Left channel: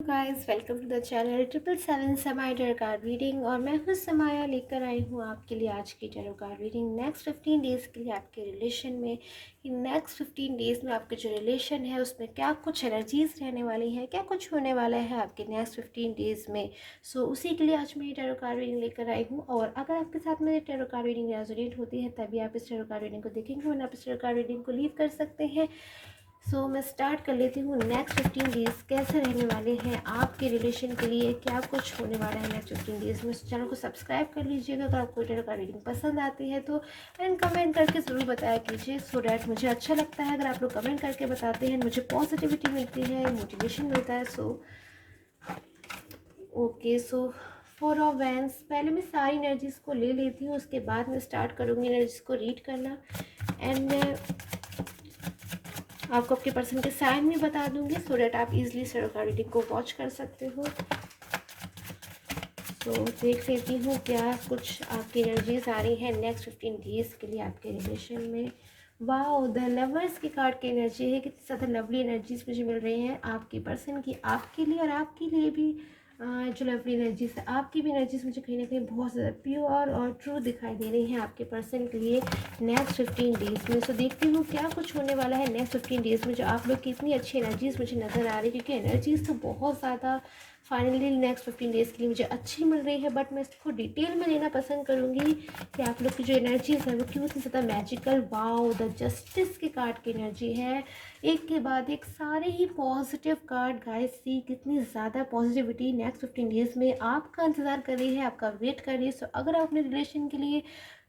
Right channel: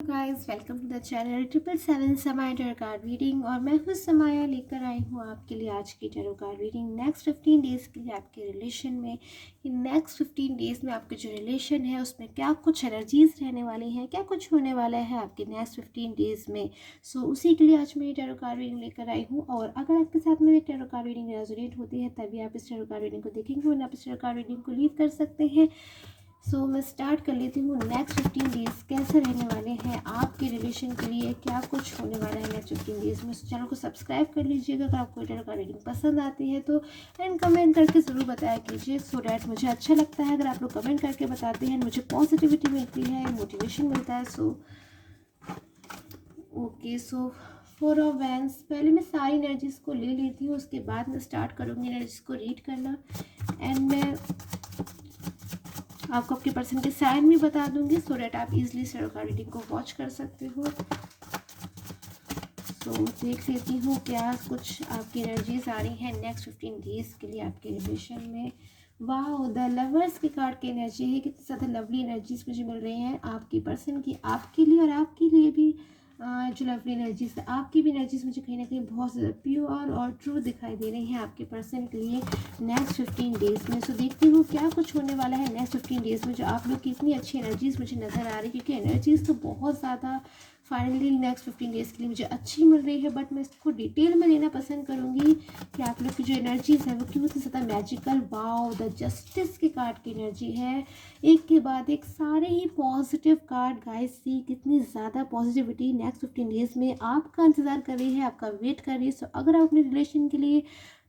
Guys welcome to the channel 777 Samaya tarot card reading. और मैं हूँ समाया, लेकर आई हूँ आपके लिए आज की tarot card reading. Next 15 days के लिए आपके रिलेशन में, कि नेक्स्ट 15 डेज़ में आपके जो रिलेशन है उसमें क्या कुछ एनर्जीज रहने वाली हैं, क्या कुछ होने वाला है आपके नेक्स्ट 15 डेज़ में। उसी के लिए आज मैं ये टैरो कार्ड रीडिंग लेकर आई हूँ। और अगर आपके साथ मेरी टैरो कार्ड रीडिंग रेजोनेट होती है तभी आप इस टैरो कार्ड रीडिंग को देखेंगे, वरना आप इस टैरो कार्ड रीडिंग को लीव कर सकते हैं। मैं स्टार्ट कर लेती हूँ। नेक्स्ट 15 डेज़ कैसे रहने वाले हैं आपके रिलेशन के लिए, क्या कुछ होने वाला है नेक्स्ट 15 डेज़ में। चैनल को सब्सक्राइब कर लीजिएगा अगर आपको टैरो कार्ड रीडिंग पसंद आती है तो, एंड कमेंट करके ज़रूर बताया कीजिए, सो डैट मुझे अच्छा लगता है। अगर आप लोग कमेंट करके बताते हैं मुझे पॉजिटिविटी मिलती है, मोटिवेशन मिलता है। Okay 4 of wands. पहले मैं सारी एनर्जीज़ को ले लेती हूँ, उसके बाद मैं स्टार्ट करूँगी एनर्जीज़ को रीड करना। एंड मैं आपको आपके पर्सन के साइन भी बता दूंगी, सो डैट आप इजीली टैरो कार्ड रीडिंग को वॉच कर सकते हो। देख लेती हूँ क्या कुछ आपकी एनर्जीज आ रही है नेक्स्ट 15 डेज के लिए आपके रिलेशन में। वाओ, द लवर्स की कार्ड की एनर्जी है। कितनी ज़्यादा लवली एनर्जीज मुझे मिल रही हैं आपकी पर्सन की, आपके लिए और आपके लिए भी। जो लवली एनर्जीज है, आपकी भी एनर्जीज मुझे कहीं ना कहीं बहुत ज़्यादा प्योर और ट्रू दिखाई दे रही हैं आपके पर्सन के लिए नेक्स्ट 15 डेज़ में। देखती हूँ क्या कुछ होने वाला है नेक्स्ट 15 डेज़ में। जो आप लोग की इतनी अच्छी एनर्जीज मुझे नज़र आ रही है, क्योंकि एनर्जीज तो बहुत ज़्यादा फाइनली नेक्स्ट 15 डेज़ के लिए मुझे अच्छी मिल रही है। बट मैं इसको डिटेल में लेना पसंद करूँगी कि आप लोग की जो एनर्जीज है वो क्यों इतनी ज़्यादा मैजिकल। वाओ, द जस्टिस के कार्ड की एनर्जी है, एक के बाद एक सारे ही पॉजिटिव कार्ड। गाइस सी कितनी ज़्यादा पॉजिटिविटी नेक्स्ट 15 डेज़ में आपका इंतज़ार कर रही है, आपका वेट कर रही है। अगर आप अपने रिलेशन के लिए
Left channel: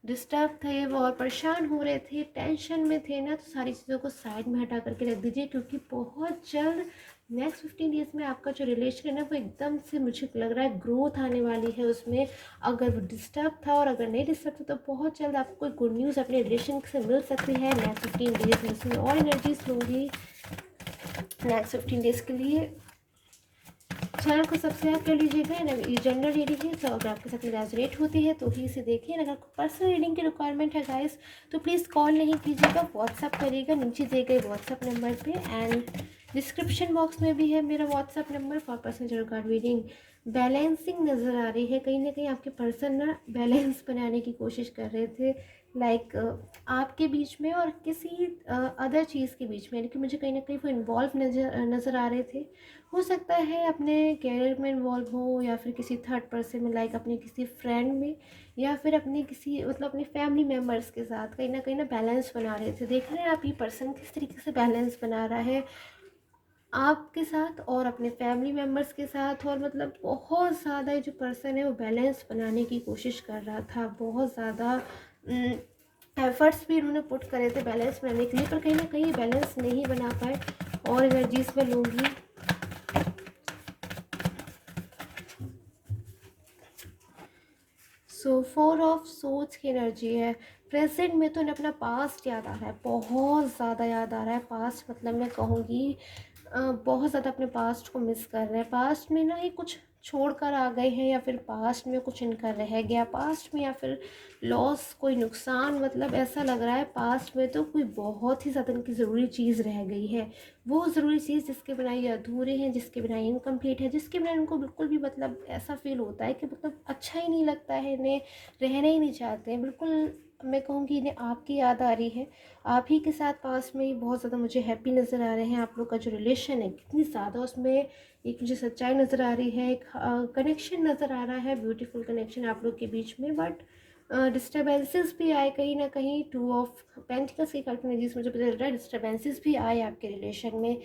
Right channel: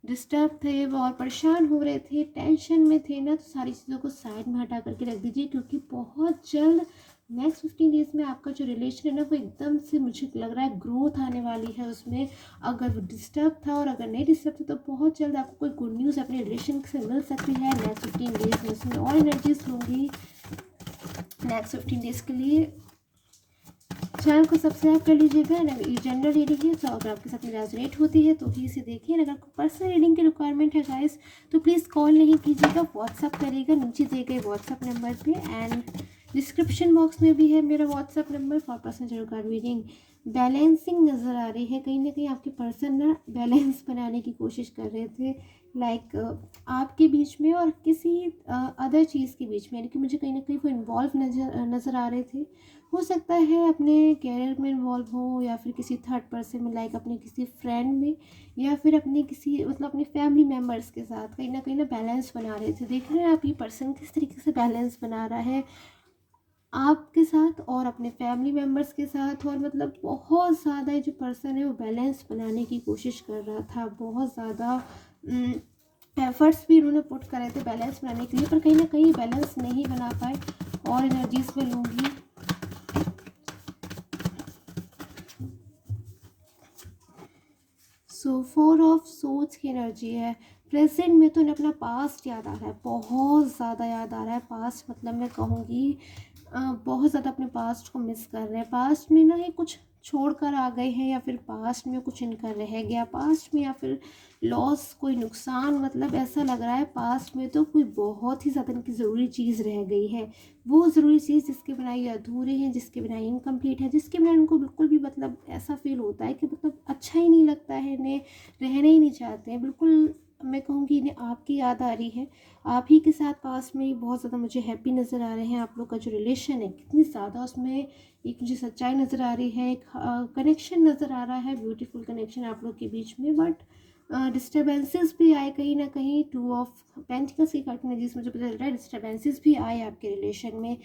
डिस्टर्ब थे वो और परेशान हो रहे थे, टेंशन में थे ना, तो सारी चीज़ों को साइड में हटा करके रख दीजिए, क्योंकि बहुत जल्द नेक्स्ट 15 डेज़ में आपका जो रिलेशन है ना वो एकदम से मुझे लग रहा है ग्रोथ आने वाली है उसमें। अगर वो डिस्टर्ब था और अगर नहीं डिस्टर्ब था तो बहुत जल्द आपको कोई गुड न्यूज़ अपने रिलेशन से मिल सकती है नेक्स्ट 15 डेज़ में। उसमें और एनर्जीज होंगी नेक्स्ट 15 डेज़ के लिए। चैनल को सब्सक्राइब कर लीजिएगा। ये जनरल रीडिंग है, तो अगर आपके साथ में रेजोनेट होती है तो ही इसे देखिए। अगर आपको पर्सनल रीडिंग की रिक्वायरमेंट है गाइस तो प्लीज़ कॉल नहीं कीजिएगा, व्हाट्सअप करिएगा नीचे दिए गए व्हाट्सअप नंबर पे। एंड डिस्क्रिप्शन बॉक्स में भी है मेरा WhatsApp number for personal tarot card reading. Balancing नज़र आ रही है, कहीं ना कहीं आपके पर्सन ना बैलेंस बनाने की कोशिश कर रहे थे, लाइक आपके बीच में और किसी अदर चीज़ के बीच में, यानी कि मुझे कहीं ना कहीं वो इन्वॉल्व नज़र आ रहे थे। हो सकता है अपने कैरियर में इन्वॉल्व हो, या फिर किसी थर्ड पर्सन में, लाइक अपने किसी फ्रेंड में, या फिर अपने किसी अपने फैमिली मेम्बर्स के साथ कहीं ना बैलेंस बना रहे थे। देख रहे हैं आप ये पर्सन किस तरीके से बैलेंस बना रहा है आपके साथ और अपने फैमिली मेम्बर्स के साथ। और बहुत ज़्यादा जो पर्सन है वो बैलेंस बनाने की कोशिश कर रहा था, बहुत ज़्यादा एफर्ट्स भी उन्होंने पुट करे थे बैलेंस बनाने के लिए, पर कहीं ना कहीं बैलेंस नहीं बना पाए। और एनर्जीज में लूँगी। 4 ऑफ सोर्ड्स की एनर्जी है। प्रेजेंट में तो उन्हें अपना पास्ट याद आ रहा है, बहुत ज़्यादा याद आ रहा है पास्ट। मैं कहूँगी बहुत ज़्यादा अपने पास्ट को मिस कर रहे हैं। पास्ट में ना ये कुछ छोड़ कर आ गए हैं, या फिर पास्ट में कुछ इनका रह गया पास्ट में, या फिर लॉस, कोई नुकसान। ऐसा लग रहा है पास्ट में तो कोई बहुत ही ज़्यादा इनकी ज़रूरी चीज़ रह गई है। वो ज़रूरी चीज़ जिसके बिना ये अधूरे हैं, जिसके बिना इनकम्प्लीट है, जिसके बिना इनको बिल्कुल भी ऐसा फील होता है कि अच्छा ही नहीं लगता है, इन्हें रहना ही नहीं चाहते हैं बिल्कुल। मैं कहूँगी इन्हें आपकी याद आ रही है, आप ही के साथ पास में ही बहुत ज़्यादा मुझे हैप्पी नज़र आ रहे हैं। आप लोग का जो रिलेशन है कितनी ज़्यादा उसमें एक मुझे सच्चाई नज़र आ रही है, एक कनेक्शन नज़र आ रहा है, ब्यूटीफुल कनेक्शन आप लोग के बीच में। बट डिस्टर्बेंसेस भी आए कहीं ना कहीं। 2 ऑफ पेंटिकल्स की कार्ड एनर्जीज मुझे पता चल रहा है, डिस्टर्बेंसेस भी आए आपके रिलेशन में।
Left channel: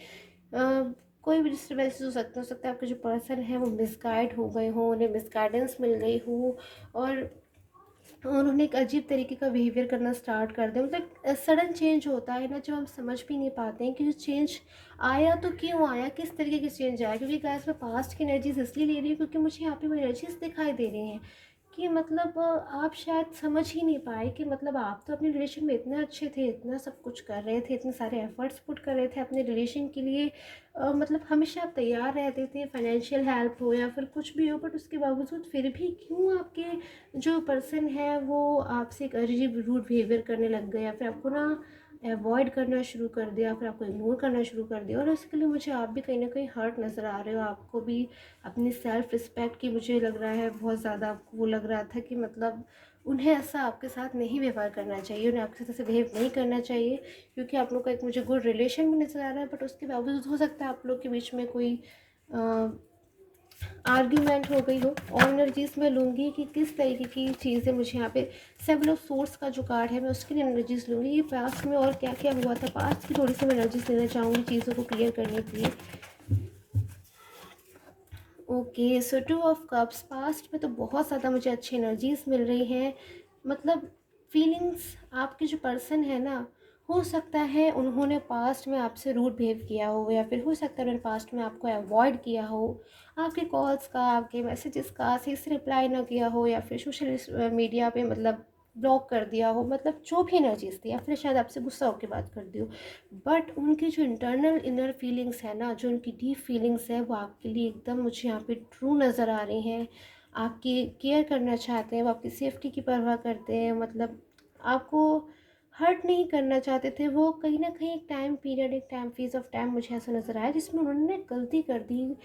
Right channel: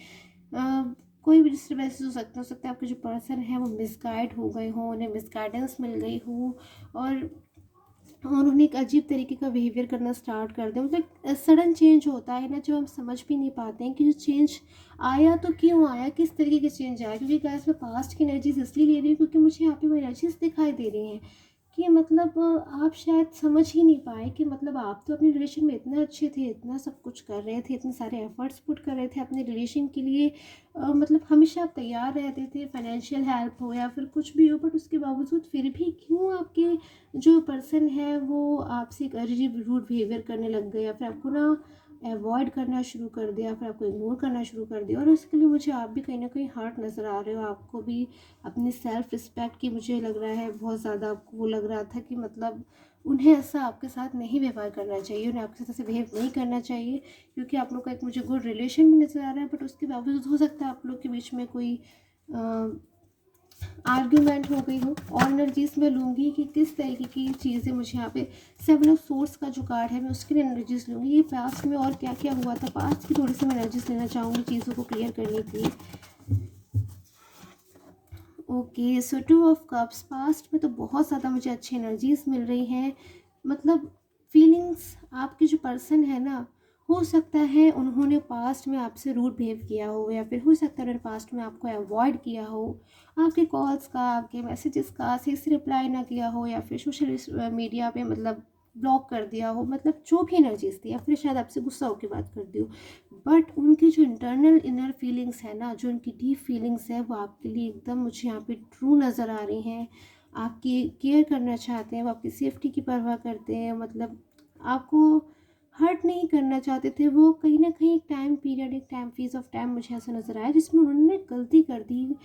कोई भी डिस्टर्बेंसेस हो सकता है आपके जो पर्सन है वो मिसगाइड हो गए हों, उन्हें मिसगाइडेंस मिल गई हो, और उन्होंने एक अजीब तरीके का बिहेवियर करना स्टार्ट कर दिया। सडन चेंज होता है ना, जो हम समझ भी नहीं पाते हैं कि जो चेंज आया तो क्यों आया, किस तरीके के चेंज आया। क्योंकि गाइस मैं पास्ट की एनर्जीज इसलिए ले रही हूँ क्योंकि मुझे यहाँ पे वो एनर्जीज दिखाई दे रही हैं कि आप शायद समझ ही नहीं पाए कि आप तो अपने रिलेशन में इतने अच्छे थे, इतना सब कुछ कर रहे थे, इतने सारे एफर्ट्स पुट कर रहे थे अपने रिलेशन के लिए। हमेशा आप तैयार रहते थे, फाइनेंशियल हेल्प हो या फिर कुछ भी हो, बट उसके बावजूद फिर भी क्यों आपके जो पर्सन है वो आपसे एक अजीब रूड बिहेवियर करने लग गए, या फिर आपको ना अवॉइड करना शुरू कर दिया, फिर आपको इग्नोर करना शुरू कर दिया। और उसके लिए मुझे आप भी कहीं ना कहीं हर्ट नज़र आ रहे हो। आपको भी अपनी सेल्फ रिस्पेक्ट की मुझे लग रहा है बहुत ज़्यादा आपको वो लग रहा था कि मतलब उन्हें ऐसा आपके साथ नहीं व्यवहार करना चाहिए, उन्हें आपके साथ ऐसे बिहेव नहीं करना चाहिए, क्योंकि आप लोग का एक मुझे गुड रिलेशन भी नज़र आ रहा है। बट उसके बावजूद हो सकता है आप लोग के बीच में कोई आर्ग्यूमेंट हो गई हो। और एनर्जीज में लूँगी कि किस तरीके की चीज़ें मुझे यहाँ पे 7 ऑफ सोर्स का जो कार्ड है मैं उसकी एनर्जीज लूँगी कि पास्ट में और क्या क्या हुआ था, पास्ट की थोड़ी सी मैं एनर्जीज लेना चाहूँगी चीज़ों को क्लियर करने के लिए। Okay, so 2 of cups, past में तो बहुत ज़्यादा मुझे अच्छी एनर्जीज मिल रही हैं। मतलब फीलिंग्स, आपके जो पर्सन है ना, हो सकता है उन्होंने पास्ट में आपसे रूड बिहेव किया हो, या फिर हो सकता है उन्होंने पास्ट में आपको अवॉइड किया हो, आपके कॉल्स का, आपके मैसेजेस का सही से रिप्लाई ना किया हो, या फिर सोशल मीडिया पे मतलब ब्लॉक कर दिया हो, मतलब जो भी एनर्जीज थी, या फिर शायद आपसे गुस्सा होकर बात कर दी हो। बट उनकी जो इंटरनल इनर फीलिंग्स है ना, जो उनकी डीप फीलिंग्स है, वो आपके लिए एकदम मुझे यहाँ पे ट्रू नज़र आ रही हैं। आपकी केयर करना चाहते हैं, वो आपकी सेफ्टी की परवाह करते हैं, मतलब आपको हर्ट नहीं करना चाहते थे। वो कहीं ना कहीं एक टाइम पीरियड, एक टाइम फेज ऑफ टाइम मुझे ऐसा नज़र आया जिसमें उन्होंने गलती कर दी,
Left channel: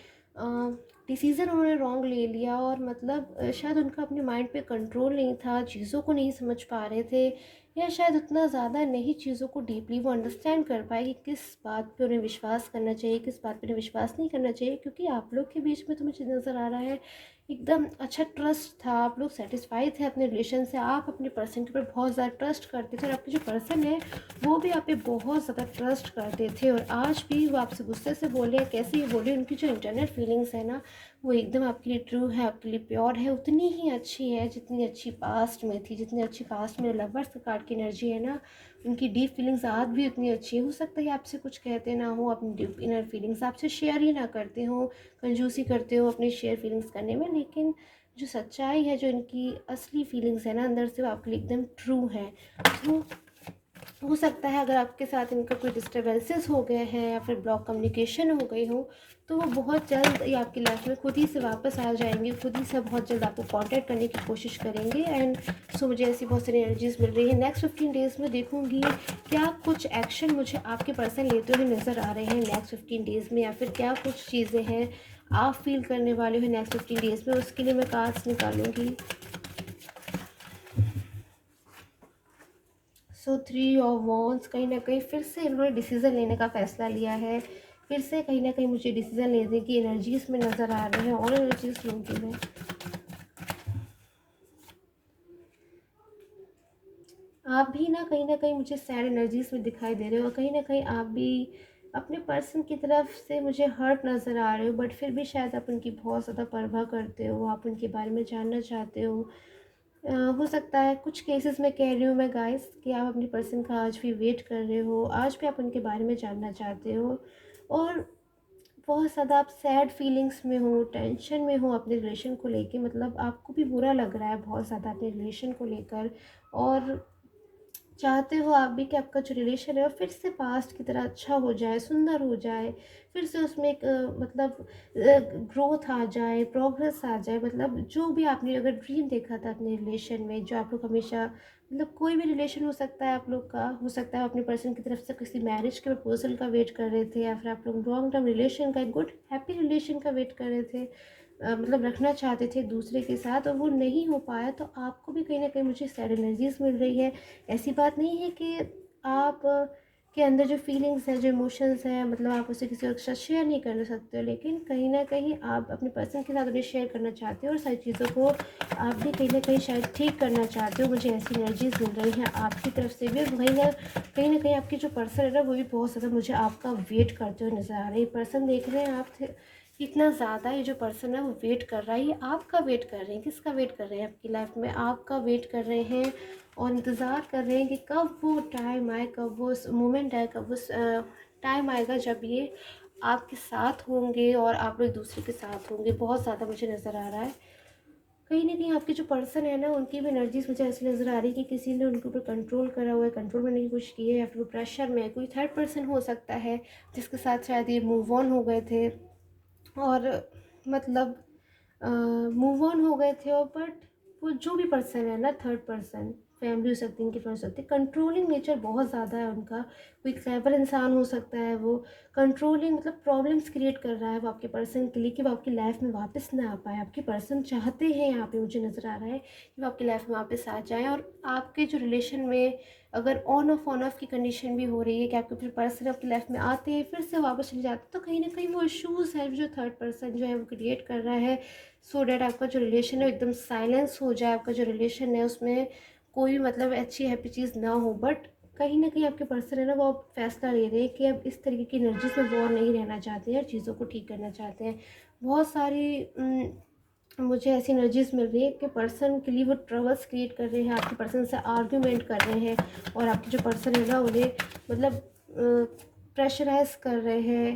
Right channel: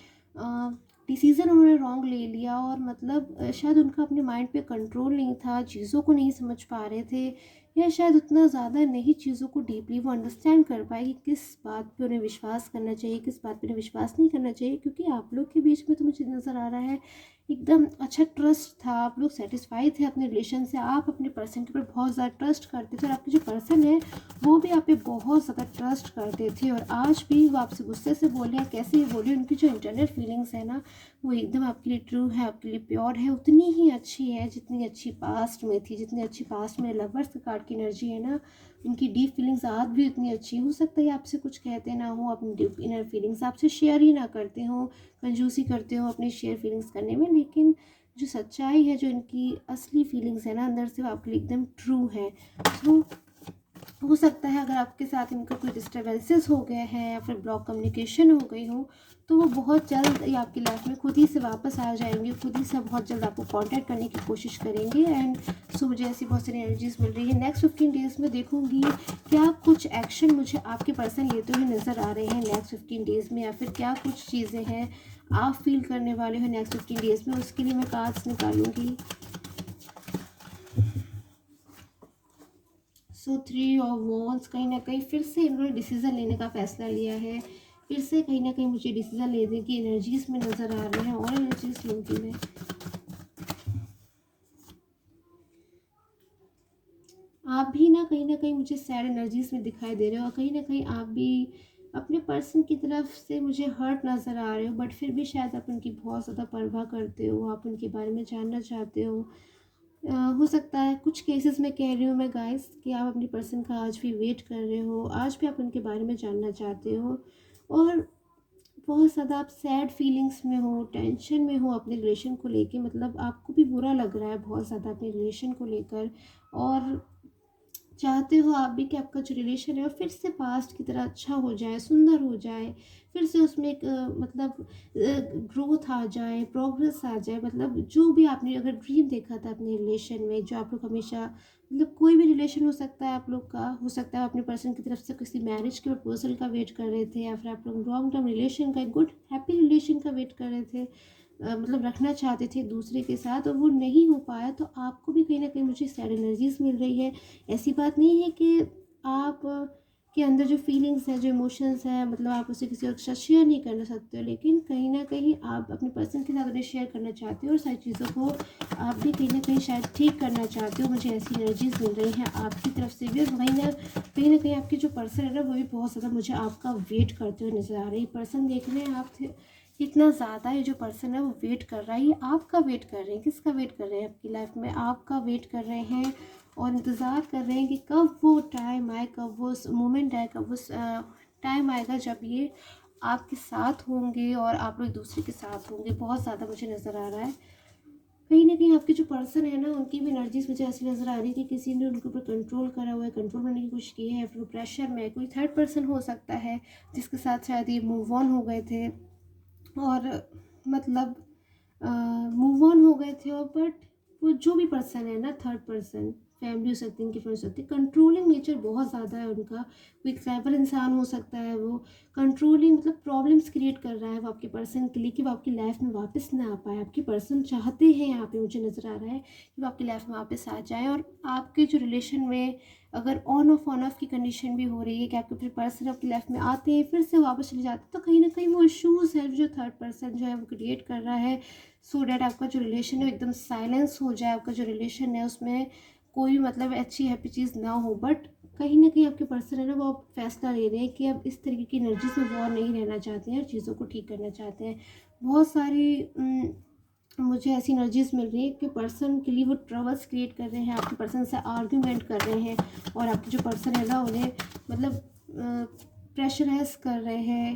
डिसीज़न उन्होंने रॉन्ग ले लिया, और मतलब शायद उनका अपने माइंड पे कंट्रोल नहीं था, चीज़ों को नहीं समझ पा रहे थे, या शायद उतना ज़्यादा नहीं चीज़ों को डीपली वो अंडरस्टैंड कर पाए कि किस बात पे उन्हें विश्वास करना चाहिए, किस बात पे उन्हें विश्वास नहीं करना चाहिए। क्योंकि आप लोग के बीच में तो मुझे नज़र आ रहा है एकदम अच्छा ट्रस्ट था, आप लोग सेटिस्फाई थे अपने रिलेशन से, आप अपने पर्सन के ऊपर बहुत ज़्यादा ट्रस्ट करते थे, और आपके जो पर्सन है वो भी आप पे बहुत ज़्यादा ट्रस्ट करते थे। और आज भी वो आपसे गुस्से से बोले या कैसे ही बोले, उनकी जो इंटरनल फीलिंग्स है ना, वो एकदम आपके लिए ट्रू है, आपके लिए प्योर है, उतनी ही अच्छी है जितनी अच्छी पास्ट में थी, जितनी अच्छी पास्ट में लवर्स के कार्ड की एनर्जी है ना, उनकी डीप फीलिंग्स आज भी उतनी अच्छी है। हो सकता है आपसे कुछ कहते ना हो, अपनी डीप इनर फीलिंग्स आपसे शेयर ही ना करते हो, कंजूसी करते हो अपनी शेयर फीलिंग्स करने में, लेकिन जो सच्चाई है, जो इनकी असली फीलिंग्स है ना अंदर से, वो आपके लिए एकदम ट्रू है। तो हो सकता है अगर आपके साथ इनका कोई डिस्टर्बेंसेस हो गए हैं, या फिर ब्लॉक कम्युनिकेशन हो गई हो, तो वो बहुत जल्द ही आपकी लाइफ में खुद ही से वापस आ जाएंगे, खुद ही से बहुत जल्द आपको कांटेक्ट करने की कोशिश करेंगे। एंड सो मुझे ऐसी बहुत सारी एनर्जीज मिल रही है। नेक्स्ट 15 डेज़ में देखूंगी क्या कुछ एक्शन मुझे आपके पर्सन लेते हुए नज़र आ रहे हैं नेक्स्ट 15 डेज़ में, या फिर क्या कुछ चीज़ें हैं आप फील करने वाले हो नेक्स्ट 15 डेज़ में, उसके लिए मैं कार्ड्स निकालूंगी। सो 3 ऑफ वॉन्ड्स, कहीं ना कहीं फिर से इन्होंने डिसीज़न लेने का फ़ैसला लिया है, फिर से कहीं ना कहीं मुझे डिसीज़न लेने की एनर्जीज में नज़र आ रहे हैं, और एनर्जीज लूँगी मैं। आप भी ना कहीं मुझे सैड एनर्जीज में दिखाई दे रहे हो, और कहीं ना कहीं आप भी अपने पर्सन की तरफ से मुझे हर्ट नज़र आ रहे हो, बट फिर भी शायद आप उनकी बहुत ज़्यादा परवाह करते हो, आप उनके बारे में जानना चाहते हो। हो सकता है कुछ केसेस में कह रही हूँ मैं गाइस कि आप अपनी पर्सन का आज भी वेट कर रहे हो, आज भी आप उनके बारे में जानना चाहते हो, और बहुत ज़्यादा आप सैड फीलिंग्स में हो, टेंशन में हो अपने रिलेशन को लेके, मतलब आपको भी बुरा लग रहा है बहुत ज़्यादा अपने रिलेशन को लेकर, और चाहते हो आप भी कि आपका जो रिलेशन है वो फिर से पास्ट की तरह अच्छा हो जाए, सुंदर हो जाए, फिर से उसमें एक मतलब ग्रोथ आ जाए, प्रोग्रेस आ जाए। मतलब जो भी आपने अगर ड्रीम देखा था अपने रिलेशन में, जो आप लोग हमेशा, मतलब कोई भी रिलेशन हो सकता है आप लोग का, हो सकता है अपने पर्सन की तरफ से किसी मैरिज के प्रपोजल का वेट कर रहे थे, या फिर आप लोग लॉन्ग टर्म रिलेशन का, एक गुड हैप्पी रिलेशन का वेट कर रहे थे, मतलब रखना चाहते थे एक दूसरे के साथ, और वो नहीं हो पाया। तो आपको भी कहीं ना कहीं मुझे सैड एनर्जीज मिल रही है। ऐसी बात नहीं है कि आप के अंदर जो फीलिंग्स हैं, जो इमोशंस हैं, मतलब आप उसे किसी और के साथ शेयर नहीं कर सकते हो, लेकिन कहीं ना कहीं आप अपने पर्सन के साथ उन्हें शेयर करना चाहते हो, और सारी चीज़ों को आप भी कहीं ना कहीं शायद ठीक करना चाहते हो। मुझे ऐसी एनर्जीज मिल रही हैं आपकी तरफ से भी, और कहीं ना कहीं आपकी जो पर्सन है ना, वो भी बहुत ज़्यादा मुझे आपका वेट करते हुए नज़र आ रही है। पर्सन देख रहे हैं आप कितना ज़्यादा, ये जो पर्सन है वो वेट कर रहा है, ये आपका वेट कर रहे हैं। किसका वेट कर रहे हैं आपकी लाइफ में? आपका वेट कर रहे हैं, और इंतज़ार कर रहे हैं कि कब वो टाइम आए, कब वो मोमेंट आए, कब उस टाइम आएगा जब ये आपके साथ होंगे, और आप लोग एक दूसरे के साथ होंगे। बहुत ज़्यादा मुझे नज़र आ रहा है कहीं ना कहीं आपके जो पर्सन है ना, उनकी भी एनर्जीज मुझे ऐसी नज़र आ रही है कि किसी ने उनके ऊपर कंट्रोल करा हुआ है, कंट्रोल करने की कोशिश की है, या फिर वो प्रेशर में है। कोई थर्ड पर्सन हो सकता है जिसके साथ शायद ये मूव ऑन हो गए थे, और मतलब मूव ऑन हो गए थे, और बट वो जो भी पर्सन है ना, थर्ड पर्सन, फैमिली हो सकती है, इनकी फ्रेंड्स हो सकती है। कंट्रोलिंग नेचर बहुत ज़्यादा है उनका, कोई क्लेवर इंसान हो सकता है वो। कंट्रोलिंग मतलब प्रॉब्लम्स क्रिएट कर रहा है वो आपके पर्सन के लिए कि वो आपकी लाइफ में वापस ना आ पाए। आपके पर्सन चाहते हैं, यहाँ पे मुझे नज़र आ रहा है कि वो आपकी लाइफ में वापस आ जाएँ। और आपके जो रिलेशन में अगर ऑन ऑफ की कंडीशन भी हो रही है कि आपके फिर पर्सन आपकी लाइफ में आते हैं फिर से वापस चले जाते हैं, तो कहीं ना कहीं वो इश्यूज़ है जो थर्ड पर्सन जो है वो क्रिएट कर रहा है, सो डैट आपका जो रिलेशन है एकदम साइलेंस हो जाए, आपका जो रिलेशन है उसमें कोई मतलब अच्छी हैप्पी चीज़ ना हो। बट कहीं ना कहीं आपके पर्सन है ना, वो फैसला ले रहे हैं कि अब इस तरीके की एनर्जी से वो नहीं रहना चाहते हैं और चीज़ों को ठीक करना चाहते हैं। बहुत सारी मुझे ऐसी एनर्जीज मिल रही है कि पर्सन के लिए वो ट्रबल्स क्रिएट कर रहे हैं, आपके पर्सन से आर्ग्यूमेंट कर रहे हैं, और आपके जो पर्सन है ना उन्हें मतलब प्रेशराइज कर रहे हैं।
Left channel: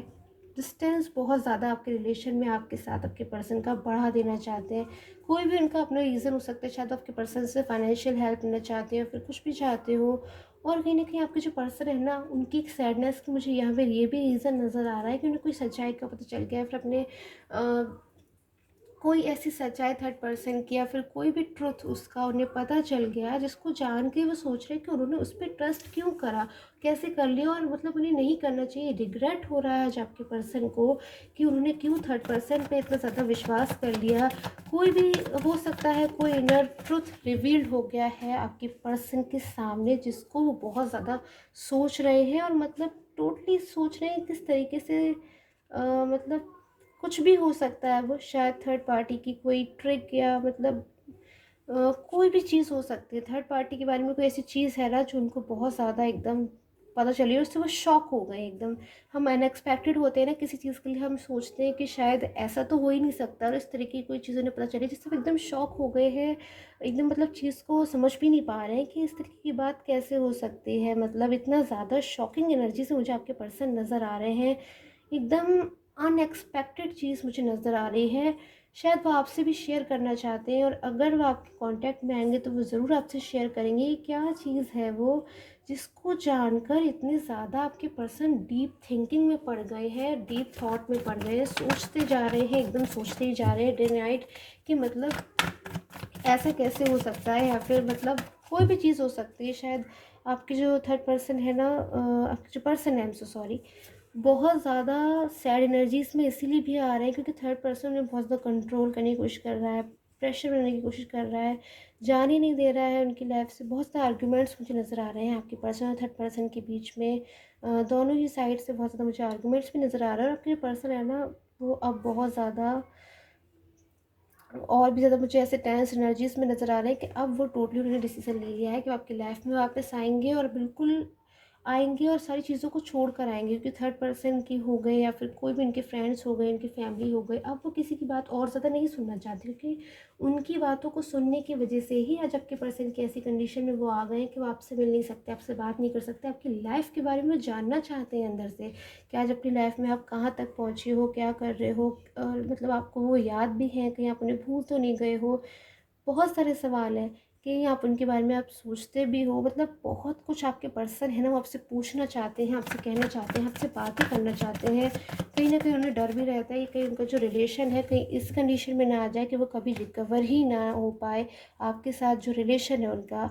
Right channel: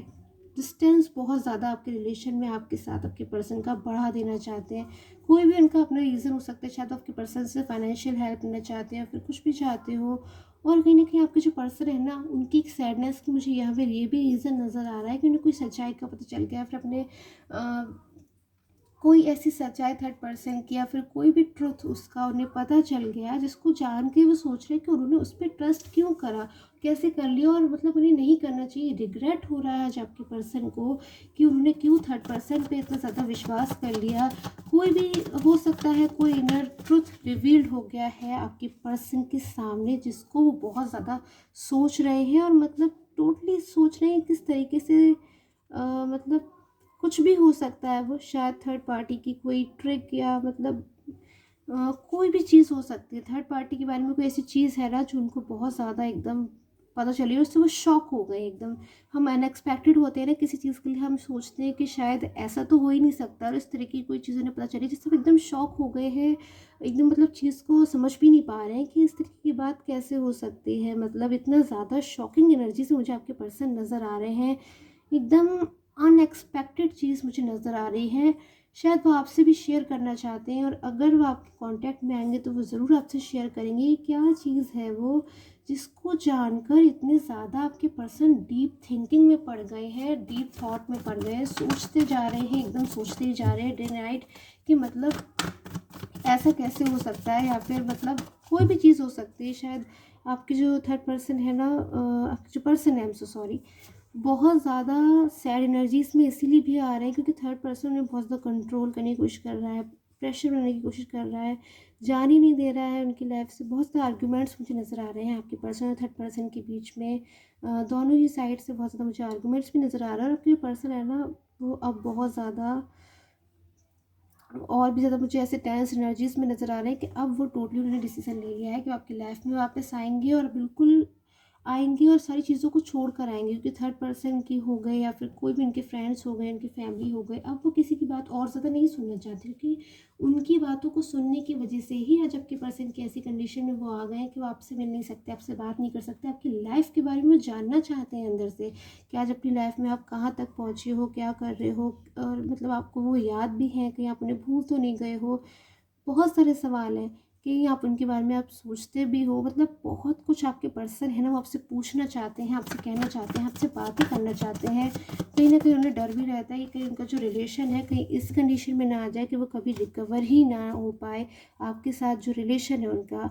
डिस्टेंस बहुत ज़्यादा आपके रिलेशन में आपके साथ आपके पर्सन का बढ़ा देना चाहते हैं। कोई भी उनका अपना रीज़न हो सकता है, शायद आपके पर्सन से फाइनेंशियल हेल्प लेना चाहते हो, फिर कुछ भी चाहते हो। और कहीं ना कहीं आपके जो पर्सन है ना उनकी एक सैडनेस की मुझे यहाँ पे ये भी रीज़न नज़र आ रहा है कि उन्हें कोई सच्चाई का पता चल गया, फिर अपने कोई ऐसी सच्चाई थर्ड पर्सन की या फिर कोई भी ट्रुथ उसका उन्हें पता चल गया, जिसको जान के वो सोच रहे कि उन्होंने उस पर ट्रस्ट क्यों करा, कैसे कर लिया, और मतलब उन्हें नहीं करना चाहिए। रिग्रेट हो रहा है आज आपके पर्सन को कि उन्होंने क्यों थर्ड पर्सन पे इतना ज़्यादा विश्वास कर लिया। कोई भी हो सकता है, कोई इनर ट्रुथ रिवील्ड हो गया है आपके पर्सन के सामने, जिसको वो बहुत ज़्यादा सोच रहे हैं, और मतलब टोटली सोच रहे हैं किस तरीके से मतलब कुछ भी हो सकता है वो, शायद थर्ड पार्टी की कोई ट्रिक या मतलब कोई भी चीज़ हो सकती है। थर्ड पार्टी के बारे में कोई ऐसी चीज़ है ना जो उनको बहुत ज़्यादा एकदम पता चली, उससे वो शॉक हो गए एकदम। हम अनएक्सपेक्टेड होते हैं ना किसी चीज़ के लिए, हम सोचते हैं कि शायद ऐसा तो हो ही नहीं सकता, और इस तरह की कोई चीज़ उन्हें पता चली जिससे वो एकदम शॉक हो गए हैं, एकदम मतलब चीज़ को समझ भी नहीं पा रहे हैं कि इस तरीके की बात कैसे हो सकती है। मतलब इतना ज़्यादा शॉकिंग एनर्जी से मुझे आपके पर्सन नज़र आ रहे हैं, एकदम अनएक्सपेक्टेड चीज़ मुझे नज़र आ रही है। शायद वो आपसे भी शेयर करना चाहते हैं, और अगर वो आपके कांटेक्ट में आएंगे तो वो ज़रूर आपसे शेयर करेंगे ये क्या चीज़ है वो, जिसको जानकर इतने ज़्यादा आपके पर्सन डीप थिंकिंग में पड़ गए हैं, डीप थॉट में पड़ गए हैं, सोचते जा रहे हैं, एकदम सोचते ही जा रहे हैं डे नाइट कि मतलब ऐसा कैसे हो सकता है, या फिर मतलब कोई भी चीज़ हो सकती है। शायद आपके जो थर्ड पर्सन है ना, आपके जो पर्सन है, आई एम सो सॉरी, बहुत ज़्यादा सैड एनर्जीज में इसीलिए भी आ रहा है क्योंकि थर्ड पर्सन में बहुत ज़्यादा कंट्रोल करने की कोशिश कर रहा है, प्रेशर बनाने की कोशिश कर रहा है, जान ही नहीं दे रहा है उनकी लाइफ से। बहुत सारे आर्गूमेंट्स मुझे नज़र आ रहे हैं आपके पर्सन और थर्ड पर्सन के बीच में, दोनों ही साइड से बहुत ज़्यादा मुझे आर्गूमेंट्स भी नज़र आ रहा है। और आपके पर्सन है ना वो अब बहुत ज़्यादा और भी ज़्यादा मुझे ऐसे टेंस एनर्जीज में नज़र आ रहा है कि अब वो टोटली उन्होंने डिसीजन ले लिया है कि वो आपकी लाइफ में वापस आएंगे, और बिल्कुल आएंगे और सारी चीज़ों को छोड़ कर आएंगे। क्योंकि थर्ड पर्सन की हो गए या फिर कोई भी उनके फ्रेंड्स हो गए, उनकी फैमिली हो गए, अब वो किसी की बात और ज़्यादा नहीं सुनना चाहते, क्योंकि उनकी बातों को सुनने की वजह से ही आज आपके पर्सन की ऐसी कंडीशन में वो आ गए हैं कि वो आपसे मिल नहीं सकते, आपसे बात नहीं कर सकते, आपकी लाइफ के बारे में जानना चाहते हैं अंदर से कि आज अपनी लाइफ में आप कहाँ तक पहुँचे हो, क्या कर रहे हो, और मतलब आपको वो याद भी है, कहीं आप उन्हें भूल तो नहीं गए हो। बहुत सारे सवाल हैं कि आप उनके बारे में आप सोचते भी हो, मतलब बहुत कुछ आपके पर्सन है ना वो आपसे पूछना चाहते हैं, आपसे कहना चाहते हैं, आपसे बातें करना चाहते हैं। कहीं ना कहीं उन्हें डर भी रहता है कि कहीं उनका जो रिलेशन है कहीं इस कंडीशन में ना आ जाए कि वो कभी रिकवर ही ना हो पाए आपके साथ जो रिलेशन है उनका।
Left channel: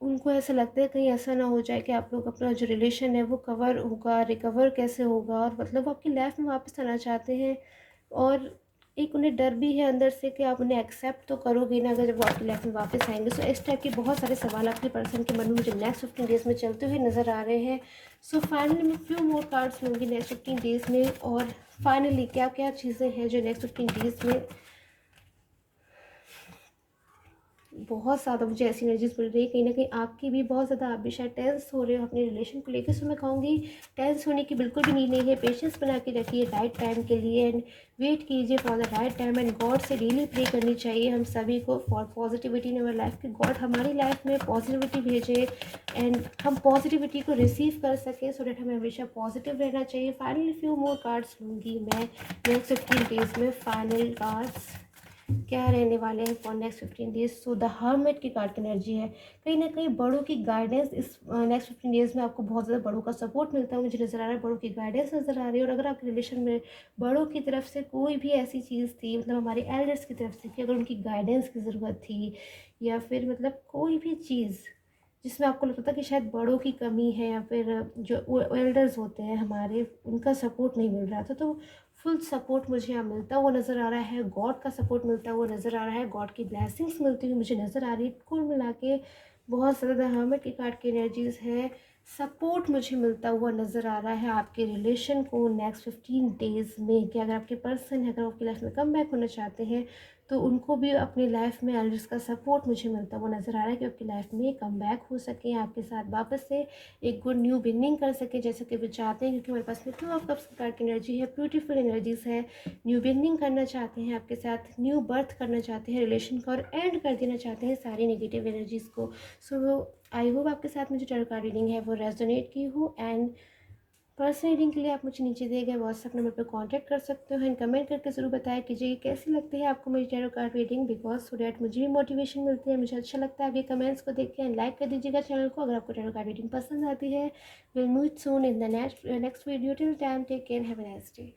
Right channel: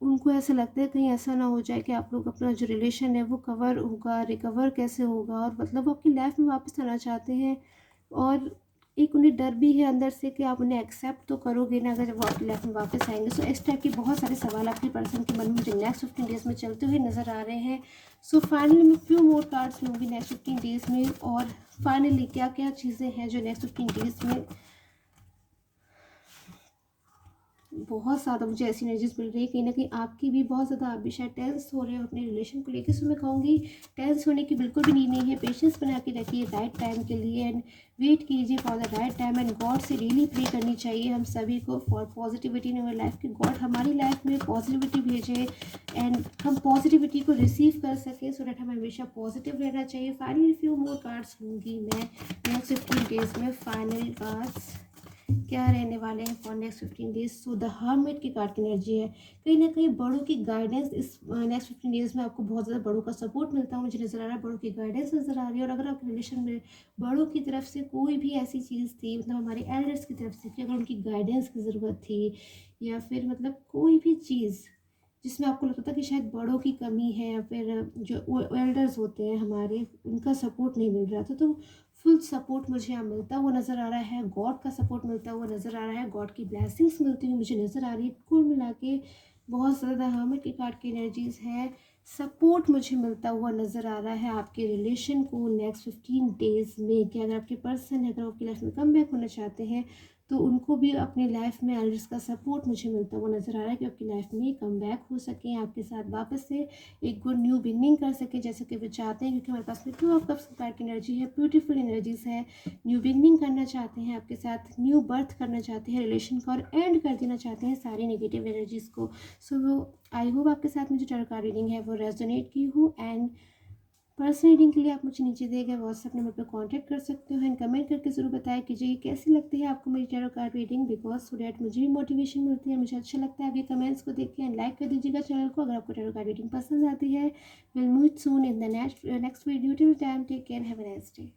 उनको ऐसा लगता है कहीं ऐसा ना हो जाए कि आप लोग अपना जो रिलेशन है वो कवर होगा, रिकवर कैसे होगा, और मतलब वो आपकी लाइफ में वापस आना चाहते हैं। और एक उन्हें डर भी है अंदर से कि आप उन्हें एक्सेप्ट तो करोगे ना अगर जब वो आपकी लाइफ में वापस आएंगे। सो इस टाइप के बहुत सारे सवाल आपके पर्सन के मन में मुझे नेक्स्ट 15 डेज़ में चलते हुए नज़र आ रहे हैं। सो फाइनली मैं फ्यू मोर कार्ड्स लूँगी नेक्स्ट 15 डेज़ में, और फाइनली क्या क्या चीज़ें हैं जो नेक्स्ट 15 डेज़ में बहुत ज़्यादा मुझे ऐसी एनर्जीज मिल रही है। कहीं ना कहीं आपकी भी बहुत ज़्यादा, आप भी शायद टेंस हो रहे हो अपने रिलेशन को लेकर। सो मैं कहूँगी टेंस होने की बिल्कुल भी नीड नहीं है, पेशेंस बना के रखिए राइट टाइम के लिए, एंड वेट कीजिए for the right time. And God से डेली प्रे करनी चाहिए हम सभी को for positivity in our life, कि गॉड हमारी लाइफ में पॉजिटिविटी भेजे एंड हम पॉजिटिविटी को रिसीव कर सकें, सो डैट हमें हमेशा पॉजिटिव रहना चाहिए। फाइनली फ्यू मोर कार्ड्स लूँगी मैं नेक्स्ट 15 डेज़ में, फाइनल कार्ड्स। क्या रहने वाले हैं for next 15 days. So the hermit की कार्ड की एनर्जी है, कहीं ना कहीं बड़ों की गाइडेंस इस नेक्स्ट 15 डेज में आपको बहुत ज़्यादा बड़ों का सपोर्ट मिलता है, मुझे नज़र आ रहा है, बड़ों की गाइडेंस नज़र आ रही है। और अगर आपके रिलेशन में बड़ों की तरफ से कोई भी ऐसी चीज़ थी, मतलब हमारे एल्डर्स की तरफ से, कि अगर उनकी गाइडेंस की ज़रूरत थी, या फिर मतलब कोई भी चीज़ जिसमें आपको लगता था कि शायद बड़ों की कमी है, या फिर जो एल्डर्स होते हैं हमारे, उनका सपोर्ट नहीं मिल रहा था, तो फुल सपोर्ट मुझे यहाँ मिलता हुआ नज़र आ रहा है। गॉड का सपोर्ट मिलता हुआ नज़र आ रहा है, गॉड की ब्लेसिंग्स मिलती हुई मुझे नज़र आ रही है। कुल मिला के बहुत ज़्यादा हर्मिट की कार्ड की एनर्जीज़ है। सपोर्ट मुझे मिलता हुआ नज़र आ रहा है आपके रिलेशन को नेक्स्ट 15 डेज़ में, कि अगर आपके पर्सन है, अगर आपकी लाइफ में कम बैक होना चाहते हैं, तो उनको भी अपनी लाइफ में एल्डर्स का सपोर्ट मुझे मिलता हुआ नज़र आ रहा है, कि आपकी लाइफ में कम बैक हो सके, आपके साथ वापस से एक गुड न्यू बिगनिंग कर सके, जैसे कि वो चाहते हैं। क्योंकि हमारे पास में 2 ऑफ कप्स की कार्ड की एनर्जी है, ब्यूटीफुल एनर्जीज है। न्यू बिगनिंग करना चाहते हैं आपके साथ, न्यू बर्थ करना चाहते हैं रिलेशन का, और एंड कर देना चाहते हैं सारी नेगेटिव एनर्जीज़ को। सो आई होप आपके साथ मुझे टैरो कार्ड रीडिंग है वो रेजोनेट की हो। एंड पर्सनल रीडिंग के लिए आप मुझे नीचे दिए गए व्हाट्सएप नंबर पर कांटेक्ट कर सकते हो। एंड कमेंट करके ज़रूर बताया कीजिए कैसी लगती है आपको मेरी tarot card reading, because so that मुझे भी मोटिवेशन मिलती है, मुझे अच्छा लगता है आपके कमेंट्स को देख के। एंड लाइक कर दीजिएगा चैनल को अगर आपको टैरो कार्ड रीडिंग पसंद आती है। Will meet soon in the next video. Till time take care, have a nice day.